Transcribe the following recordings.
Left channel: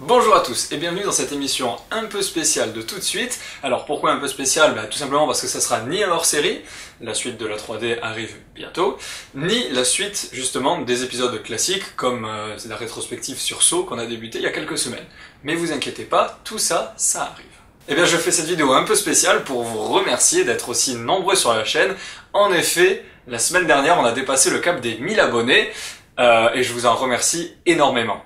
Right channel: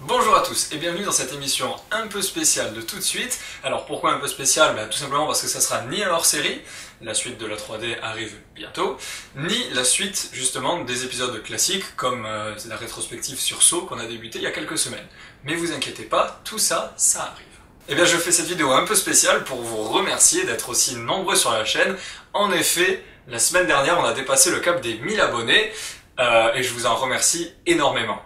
Bonjour à tous et bienvenue dans cette émission un peu spéciale de tout de suite. Alors pourquoi un peu spéciale? Tout simplement parce que ça sera ni un hors-série, la suite de la 3D arrive bientôt, ni la suite justement des épisodes classiques comme la rétrospective sur Saw qu'on a débuté il y a quelques semaines. Mais vous inquiétez pas, tout ça, ça arrive. Eh bien je fais cette vidéo un peu spéciale pour vous remercier d'être aussi nombreux sur la chaîne. En effet, la semaine dernière on a dépassé le cap des 1000 abonnés et je vous en remercie énormément.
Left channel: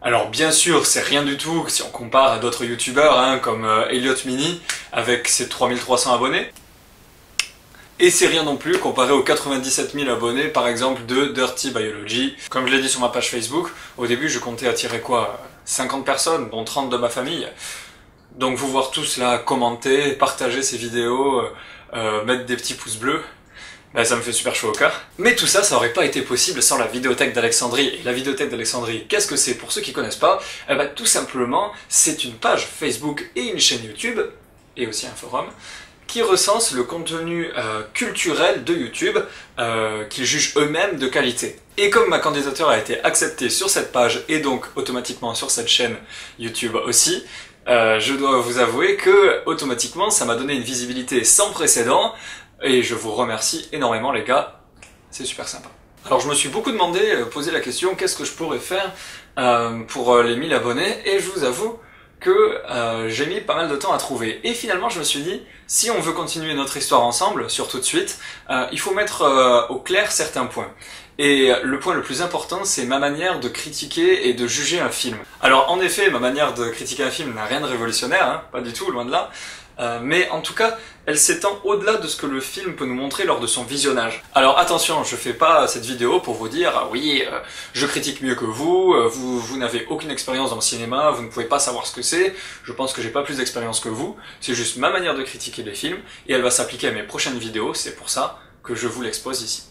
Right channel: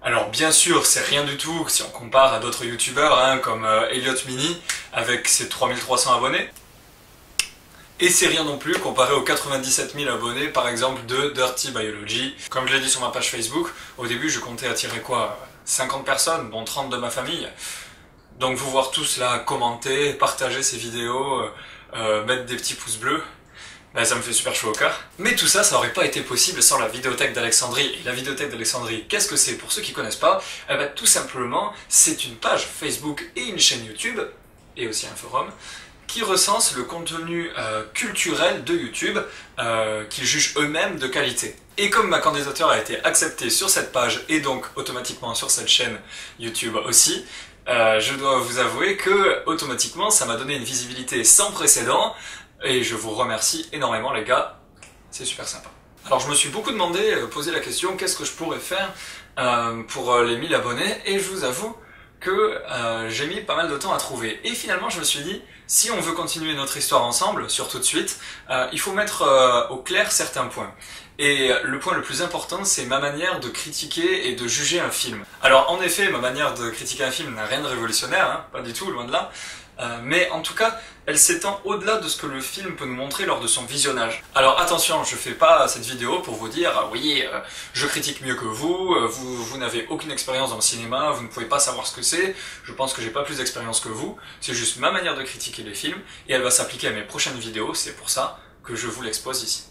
Alors bien sûr, c'est rien du tout si on compare à d'autres youtubeurs comme Elliot Mini avec ses 3300 abonnés. Et c'est rien non plus comparé aux 97 000 abonnés par exemple de Dirty Biology. Comme je l'ai dit sur ma page Facebook, au début je comptais attirer 50 personnes, dont 30 de ma famille. Donc vous voir tous là commenter, partager ces vidéos, mettre des petits pouces bleus, ça me fait super chaud au cœur. Mais tout ça, ça aurait pas été possible sans la Vidéothèque d'Alexandrie. Et la Vidéothèque d'Alexandrie, qu'est-ce que c'est pour ceux qui connaissent pas? Tout simplement, c'est une page Facebook et une chaîne YouTube, et aussi un forum, qui recense le contenu culturel de YouTube, qu'ils jugent eux-mêmes de qualité. Et comme ma candidature a été acceptée sur cette page, et donc automatiquement sur cette chaîne YouTube aussi, je dois vous avouer que, automatiquement, ça m'a donné une visibilité sans précédent, et je vous remercie énormément les gars, c'est super sympa. Alors je me suis beaucoup posé la question, qu'est-ce que je pourrais faire pour les 1000 abonnés, et je vous avoue que j'ai mis pas mal de temps à trouver. Et finalement je me suis dit, si on veut continuer notre histoire ensemble, sur tout de suite, il faut mettre au clair certains points. Et le point le plus important, c'est ma manière de critiquer et de juger un film. Alors en effet, ma manière de critiquer un film n'a rien de révolutionnaire, pas du tout, loin de là. Mais en tout cas, elle s'étend au-delà de ce que le film peut nous montrer lors de son visionnage. Alors attention, je fais pas cette vidéo pour vous dire « oui, je critique mieux que vous, vous n'avez aucune expérience dans le cinéma, vous ne pouvez pas savoir ce que c'est, je pense que j'ai pas plus d'expérience que vous, c'est juste ma manière de critiquer les films, et elle va s'appliquer à mes prochaines vidéos, c'est pour ça que je vous l'expose ici. »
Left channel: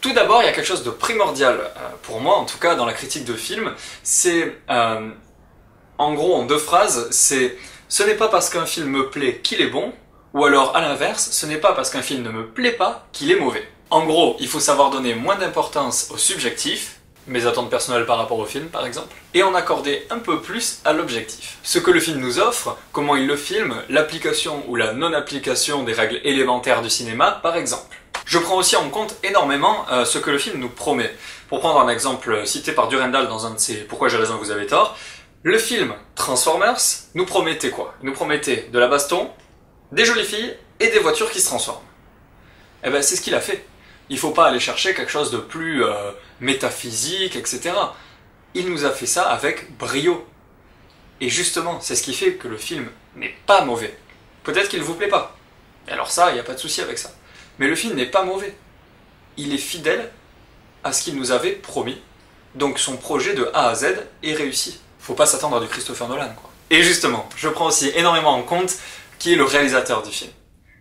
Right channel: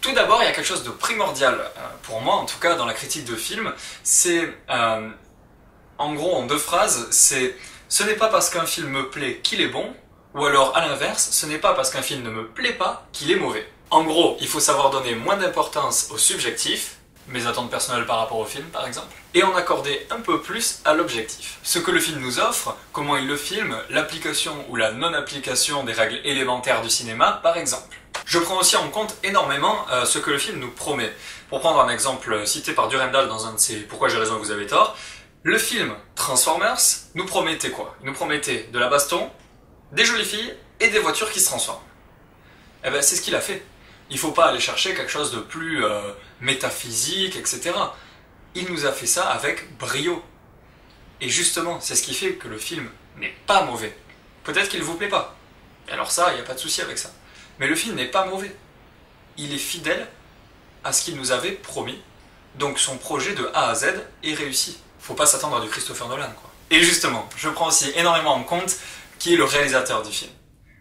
Tout d'abord, il y a quelque chose de primordial, pour moi en tout cas, dans la critique de film, c'est, en gros, en deux phrases, c'est « ce n'est pas parce qu'un film me plaît qu'il est bon », ou alors à l'inverse, ce n'est pas parce qu'un film ne me plaît pas qu'il est mauvais. En gros, il faut savoir donner moins d'importance au subjectif, mes attentes personnelles par rapport au film par exemple, et en accorder un peu plus à l'objectif. Ce que le film nous offre, comment il le filme, l'application ou la non-application des règles élémentaires du cinéma par exemple. Je prends aussi en compte énormément ce que le film nous promet. Pour prendre un exemple cité par Durandal dans un de ses « Pourquoi j'ai raison, vous avez tort », le film Transformers nous promettait quoi? Il nous promettait de la baston, des jolies filles et des voitures qui se transforment. C'est ce qu'il a fait. Il faut pas aller chercher quelque chose de plus métaphysique, etc. Il nous a fait ça avec brio. Et justement, c'est ce qui fait que le film n'est pas mauvais. Peut-être qu'il vous plaît pas. Et alors ça, il n'y a pas de souci avec ça. Mais le film n'est pas mauvais. Il est fidèle à ce qu'il nous avait promis. Donc son projet de A à Z est réussi. Faut pas s'attendre à du Christopher Nolan, quoi. Et justement, je prends aussi énormément en compte qui est le réalisateur du film.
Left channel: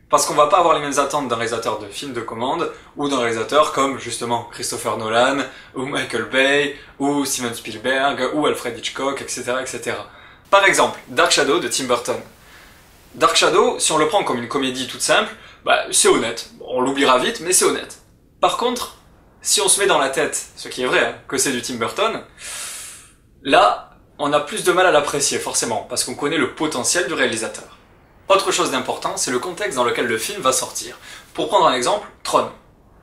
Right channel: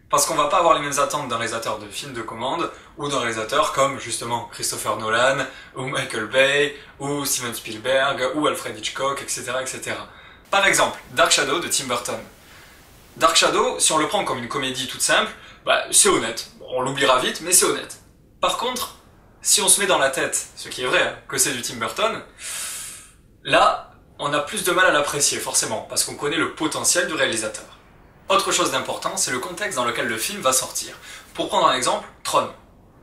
Parce qu'on va pas avoir les mêmes attentes d'un réalisateur de film de commande, ou d'un réalisateur comme, justement, Christopher Nolan, ou Michael Bay, ou Steven Spielberg, ou Alfred Hitchcock, etc., etc. Par exemple, Dark Shadow de Tim Burton. Dark Shadow, si on le prend comme une comédie toute simple, c'est honnête. On l'oubliera vite, mais c'est honnête. Par contre, si on se met dans la tête, ce qui est vrai, que c'est du Tim Burton, là, on a plus de mal à l'apprécier, forcément, parce qu'on connaît le potentiel du réalisateur. Autre chose d'important, c'est le contexte dans lequel le film va sortir. Pour prendre un exemple, Tron.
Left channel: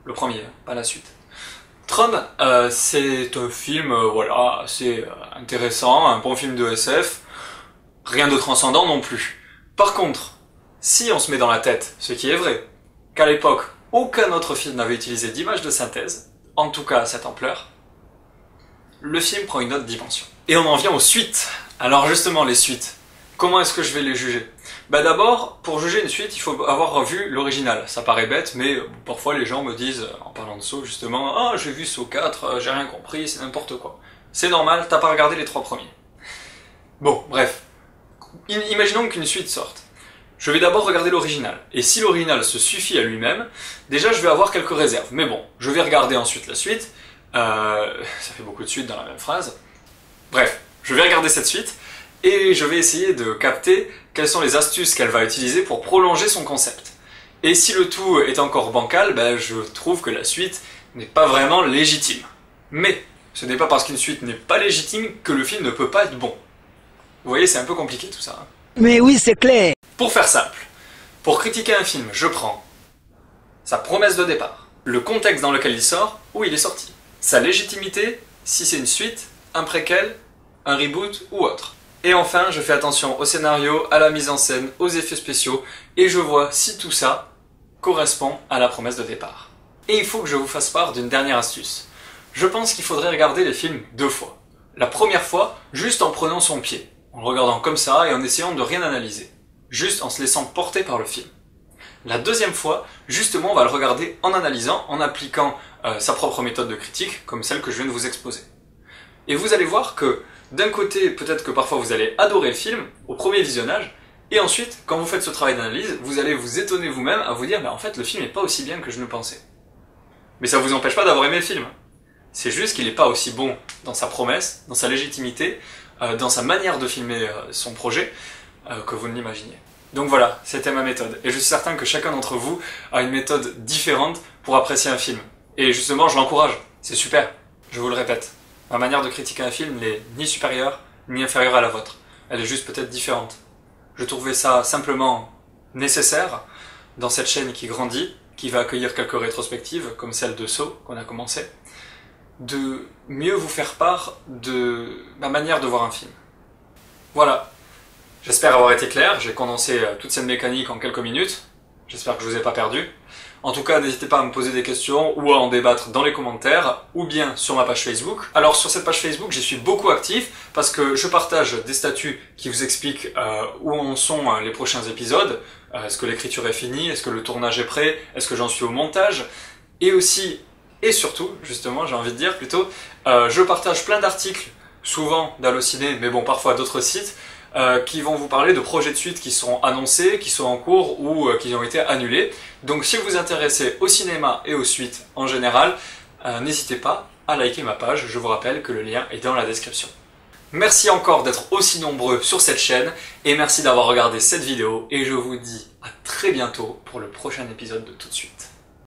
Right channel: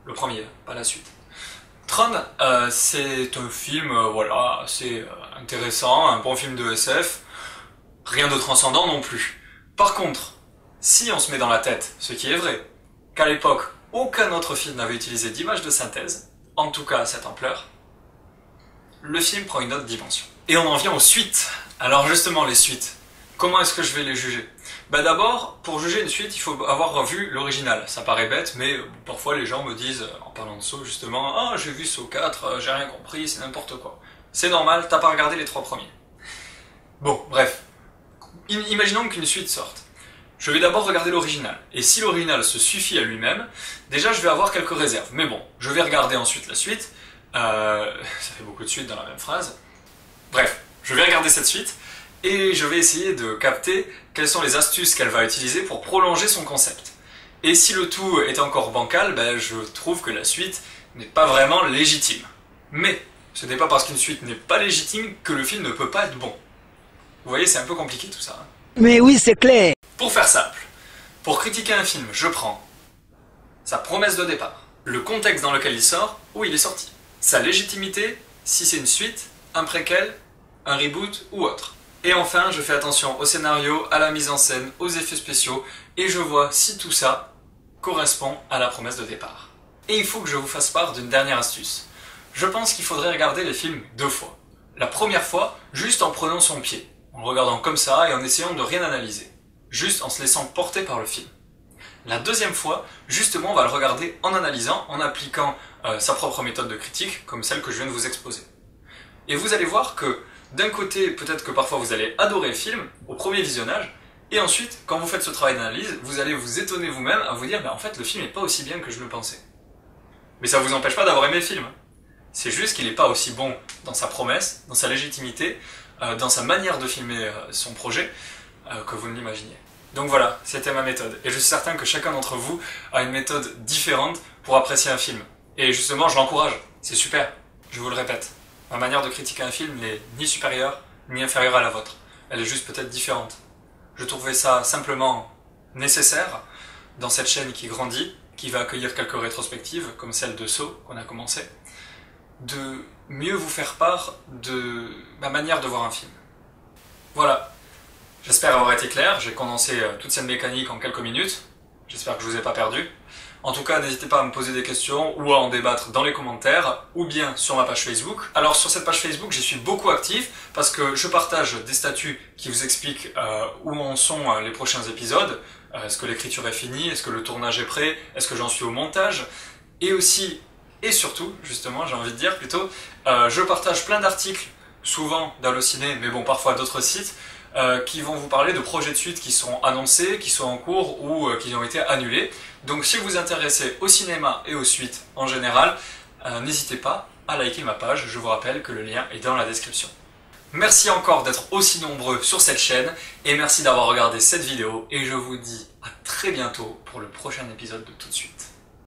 Le premier, pas la suite. Tron, c'est un film, assez intéressant, un bon film de SF, rien de transcendant non plus. Par contre, si on se met dans la tête, ce qui est vrai, qu'à l'époque, aucun autre film n'avait utilisé d'image de synthèse, en tout cas à cette ampleur, le film prend une autre dimension. Et on en vient aux suites. Alors justement, les suites. Comment est-ce que je vais les juger? D'abord, pour juger une suite, il faut avoir vu l'original. Ça paraît bête, mais parfois les gens me disent, en parlant de Saw justement, « Ah, j'ai vu Saw 4, j'ai rien compris, c'est n'importe quoi. » C'est normal, t'as pas regardé les 3 premiers. Bon, bref. Imaginons qu'une suite sorte. Je vais d'abord regarder l'original. Et si l'original se suffit à lui-même, déjà je vais avoir quelques réserves. Mais bon, je vais regarder ensuite la suite. Ça fait beaucoup de suites dans la même phrase. Bref, je vais regarder cette suite. Et je vais essayer de capter quelles sont les astuces qu'elle va utiliser pour prolonger son concept. Et si le tout est encore bancal, je trouve que la suite n'est pas vraiment légitime. Mais ce n'est pas parce qu'une suite n'est pas légitime que le film ne peut pas être bon. Vous voyez, c'est un peu compliqué tout ça. Mais oui, c'est clair. Pour faire simple, pour critiquer un film, je prends sa promesse de départ, le contexte dans lequel il sort, où il est sorti, sa légitimité, si c'est une suite, un préquel, un reboot ou autre. Et enfin, je fais attention au scénario, à la mise en scène, aux effets spéciaux, et je vois si tout ça correspond à la promesse de départ. Et il faut que je vous fasse part d'une dernière astuce. Je pense qu'il faudrait regarder les films 2 fois. La première fois, juste en prenant son pied, en le regardant comme ça et en essayant de rien analyser. Juste en se laissant porter par le film. La deuxième fois, justement, on va le regarder en analysant, en appliquant sa propre méthode de critique, comme celle que je viens de vous exposer. Et vous allez voir que, d'un côté, peut-être que parfois vous allez adorer le film, au premier visionnage, et ensuite, quand vous faites ce travail d'analyse, vous allez vous étonner vous-même à vous dire, mais en fait, le film n'est pas aussi bien que je ne pensais. Mais ça ne vous empêche pas d'avoir aimé le film. C'est juste qu'il n'est pas aussi bon dans sa promesse, dans sa légitimité, dans sa manière de filmer son projet, que vous ne l'imaginiez. Donc voilà, c'était ma méthode. Et je suis certain que chacun d'entre vous a une méthode différente pour apprécier un film. Et justement, je l'encourage. C'est super. Je vous le répète. Ma manière de critiquer un film n'est ni supérieure, ni inférieure à la vôtre. Elle est juste peut-être différente. Je trouvais ça simplement nécessaire dans cette chaîne qui grandit, qui va accueillir quelques rétrospectives, comme celle de Saw, qu'on a commencé, de mieux vous faire part de ma manière de voir un film. Voilà. J'espère avoir été clair, j'ai condensé toute cette mécanique en quelques minutes. J'espère que je vous ai pas perdu. En tout cas, n'hésitez pas à me poser des questions ou à en débattre dans les commentaires ou bien sur ma page Facebook. Alors sur cette page Facebook, j'y suis beaucoup actif parce que je partage des statuts qui vous expliquent où en sont les prochains épisodes. Est-ce que l'écriture est finie? Est-ce que le tournage est prêt? Est-ce que j'en suis au montage? Et aussi, et surtout, justement, j'ai envie de dire plutôt, je partage plein d'articles, souvent d'Allociné, mais bon, parfois d'autres sites, qui vont vous parler de projets de suite qui sont annoncés, qui sont en cours ou qui ont été annulés. Donc si vous vous intéressez au cinéma et aux suites en général, n'hésitez pas à liker ma page, je vous rappelle que le lien est dans la description. Merci encore d'être aussi nombreux sur cette chaîne et merci d'avoir regardé cette vidéo et je vous dis à très bientôt pour le prochain épisode de Tout de suite.